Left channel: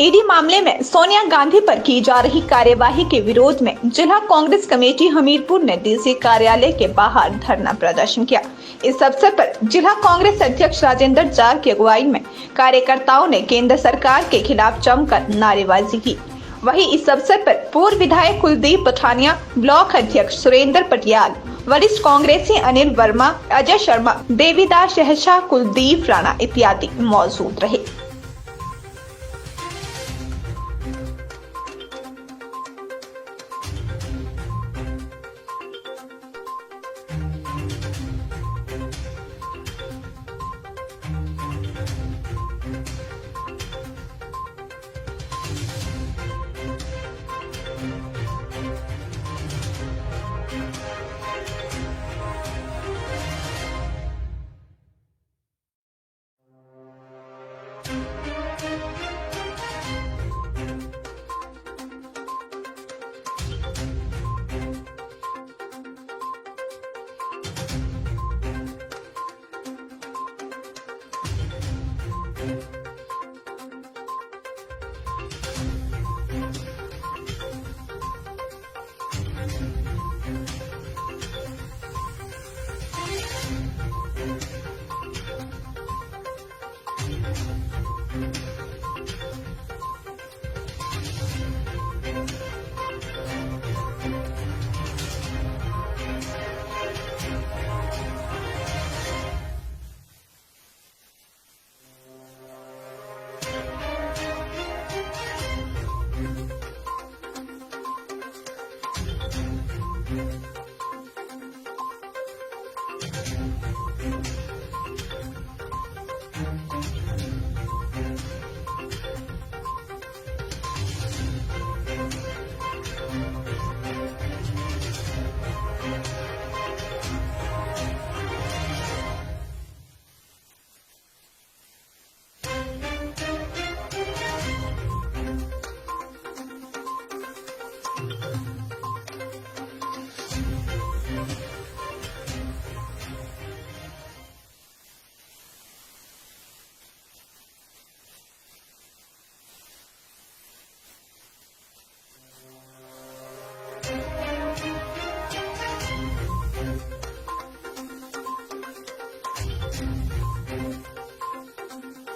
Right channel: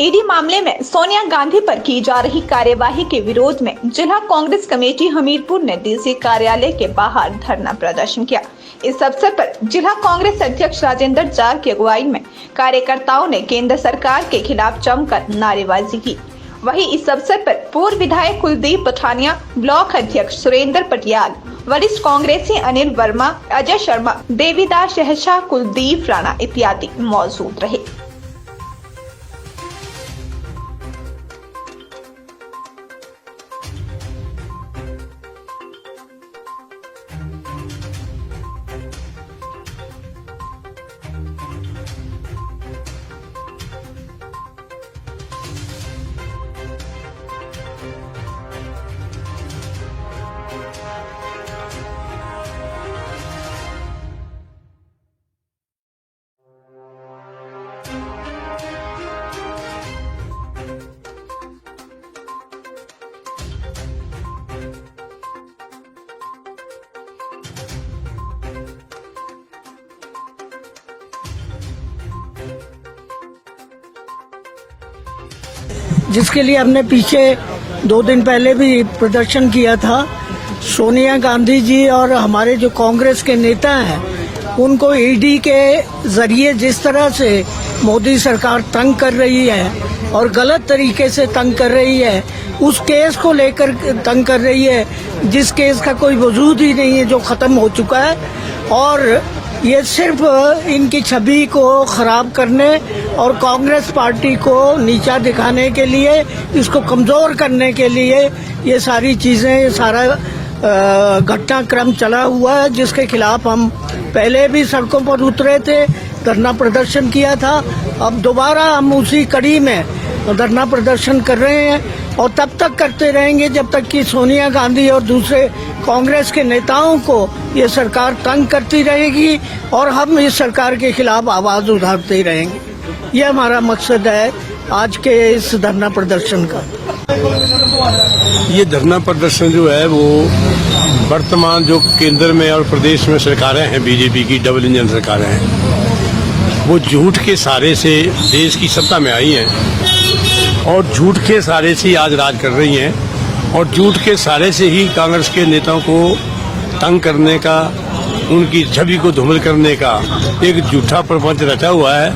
ED मामले में सोनिया गांधी पर की जा रही कार्यवाही के विरोध में जिला कांग्रेस कमेटी हमीरपुर ने डीसी कार्यालय के बाहर धरना प्रदर्शन किया। इस अवसर पर जिला कांग्रेस अध्यक्ष राजेंद्र जार की अगुवाई में कार्यकर्ताओं ने केंद्र सरकार के खिलाफ जमकर नारेबाजी की। वहीं इस अवसर पर पूर्व विधायक कुलदीप पठानिया, ब्लॉक अध्यक्ष सुरेंद्र पटियाल, वरिष्ठ कांग्रेसी अनिल वर्मा, अजय शर्मा, देवीदास शहशाह, कुलदीप राणा इत्यादि मौजूद रहे। जिसके लिए हमने पीछे 2 दिन पहले भी प्रदर्शन किया था। सोनिया गांधी जी और हमारे जो कांग्रेस के नेता हैं उनको ईडी के जरिए जिस तरह से मोदी सरकार तंग कर रही है और गलत तरीके से तंग कर रही है, उस केस को लेकर तंग कर रही है जिस केस का कोई वजूद ही नहीं है, जो खत्म हो चुका है। और ये सिर्फ इनकी छवि को खराब करने और कांग्रेस पार्टी को नीचा दिखाने के लिए, इसको कमजोर करने के लिए ये सारी चीजें, ये सारा घटनाक्रम चला हुआ है, जिसके खिलाफ हम पहले भी सड़कों पर उतरे थे, धरना प्रदर्शन किया था। अब दोबारा हम उसी कड़ी में धरना प्रदर्शन कर रहे हैं और तब तक करते रहेंगे जब तक कि सोनिया गांधी और दूसरे कांग्रेस के नेताओं को ये सरकार तंग करती रहेगी और हम इस सरकार के खिलाफ आवाज उठाते रहेंगे। ये हमारा मकसद है आज के इस धरना प्रदर्शन का। ये धरना प्रदर्शन जो है वो वर्तमान जो केंद्र में और प्रदेश में सरकारें हैं, बीजेपी की डबल इंजन सरकारें हैं, वो झूठ के सहारे से देश की सत्ता में आई हैं और झूठ के सहारे से आज राज कर रही हैं और झूठ के सहारे से ही कांग्रेस के नेताओं को तंग करने का, उनकी छवि को धूमिल करने का एक झूठा प्रपंच रचा हुआ है।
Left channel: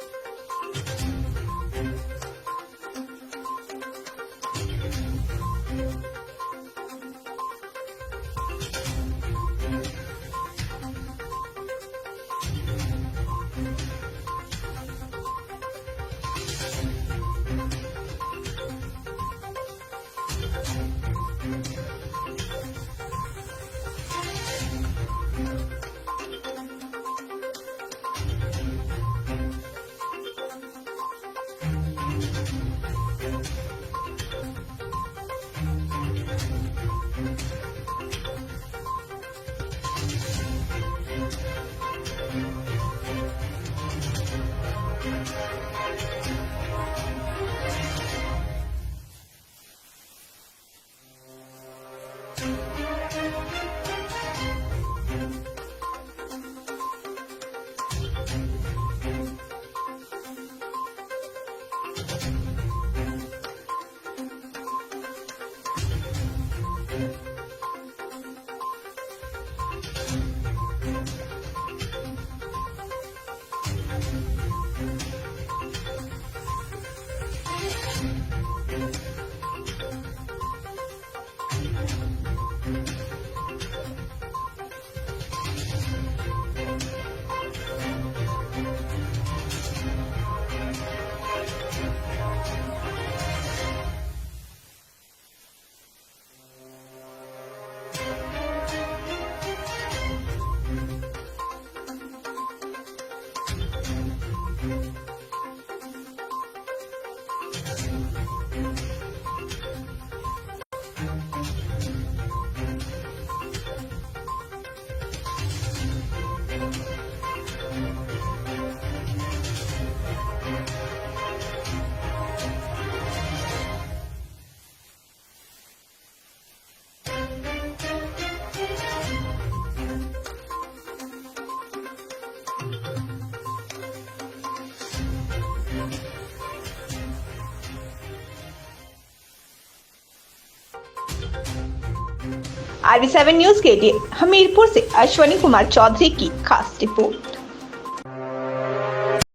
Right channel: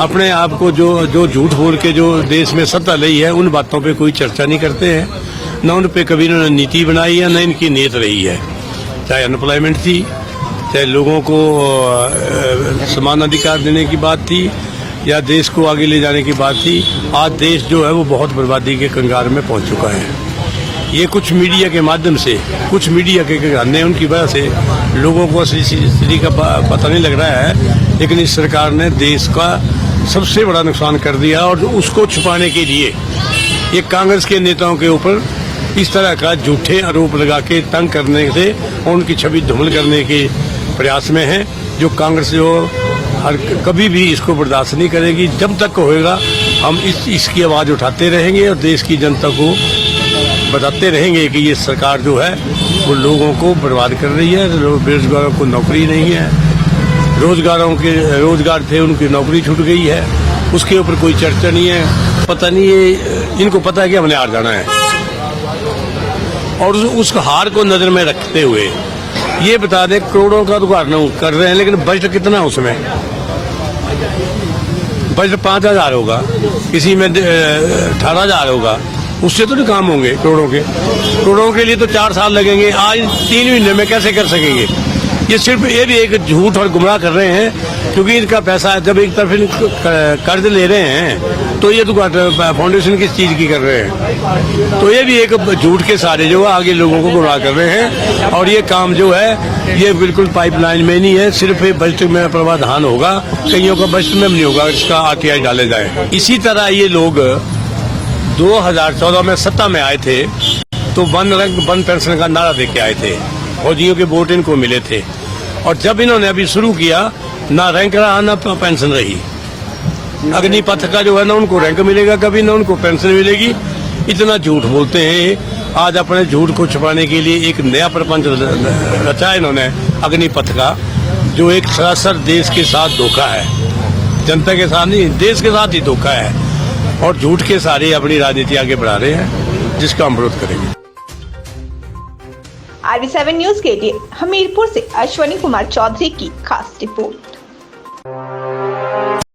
अपने आप को जो झूठ बोल के जो देश में सत्ता ली है, उन बातों पे कोई चर्चा नहीं करते हैं, न उन पे कभी इन्होंने नीति बनाई है, न इनकी नीयत रही है। चाहे अनएम्प्लॉयमेंट थी, चाहे लोगों को समान अधिकार देने की बात थी, या देश को आगे ले जाने की बात थी। आज देश जो है वो बहुत बर्बादी के कंगार में पहुंच चुका है। ये कुछ मीडिया के माध्यम से, कुछ मीडिया के घराने, उनकी वजह से लोगों को असली स्थिति का पता नहीं लग रहा है। लेकिन इस सरकार ने देश का सबसे बड़ा नुकसान कर दिया और उसको छुपाने के लिए ये कांग्रेस के नेताओं के ऊपर इस तरह का झूठे आरोप लगा के तंग करने से और उनकी छवि धूमिल करने के प्रयास में है, जो कांग्रेस जो कभी भी इसको बर्दाश्त नहीं करेगी। जब तक होएगा हम इसकी आवाज उठाते रहेंगे और देश की जनता को बताते रहेंगे कि ये सरकार जो है वो लोगों को बर्बाद कर रही है। बेरोजगारों को नौकरी नहीं है, रोजगार थे उनकी नौकरी छूट गई है, उसके ऊपर कोई चर्चा नहीं है। पता नहीं ये इनको पता है कि हमने हार जाना है और उस हार को नजर में रखते हुए ये बता दें करोड़ों का उद्घाटन कर रहे हैं, लेकिन बजट कितना है उसमें? बजट 5,000 होगा, किसी में 18,000 होगा, उससे तो नहीं काम होंगे। करोड़ों के लिए तो 4 साल लगेंगे, आज 3 महीने में कैसे कर सकेंगे? ये सिर्फ ये भी एक झूठ और गुमराह कर रहे हैं, क्योंकि इनका पैसा जब एक तरफ कर्ज ले रहे हैं तो ये तो फाउंडेशन किस चीज की कर रहे हैं, तो ये भी एक झूठ के सहारे जो है आगे लोगों को गुमराह कर रहे हैं। और ये काम जो है ये बिल्कुल पाइपलाइन में नहीं है, सिर्फ बजट में प्रावधान होगा, कईयों का बजट में नहीं होगा, इसका आरटीआई डाले जाए। इसी तरह ये लोग 2014 में सत्ता में आए थे तो वन रैंक वन पेंशन का नारा देके आए थे, फौजियों के वोट इनको मिले थे। और जब इन्होंने अभी शुरू किया, ना रैंक रहा ना पेंशन रही। अग्निपथ का जो है ना उनको रैंक मिलेगा कभी, ना उनको पेंशन मिलेगी। इतना झूठ बोलते हैं। आज अपने झूठ को छुपाने के लिए एक नया प्रपंच रचा इन्होंने अग्निपथ का, जो एक सरासर देश के साथ धोखा है, जनता के साथ नहीं, देश के साथ ही धोखा है। और झूठ के सहारे अपनी राजनीति आगे बढ़ा रहे हैं, जिसका हम विरोध करेंगे। RV7 न्यूज के लिए हमीरपुर से अश्वनी कुमार चौधरी की खास रिपोर्ट।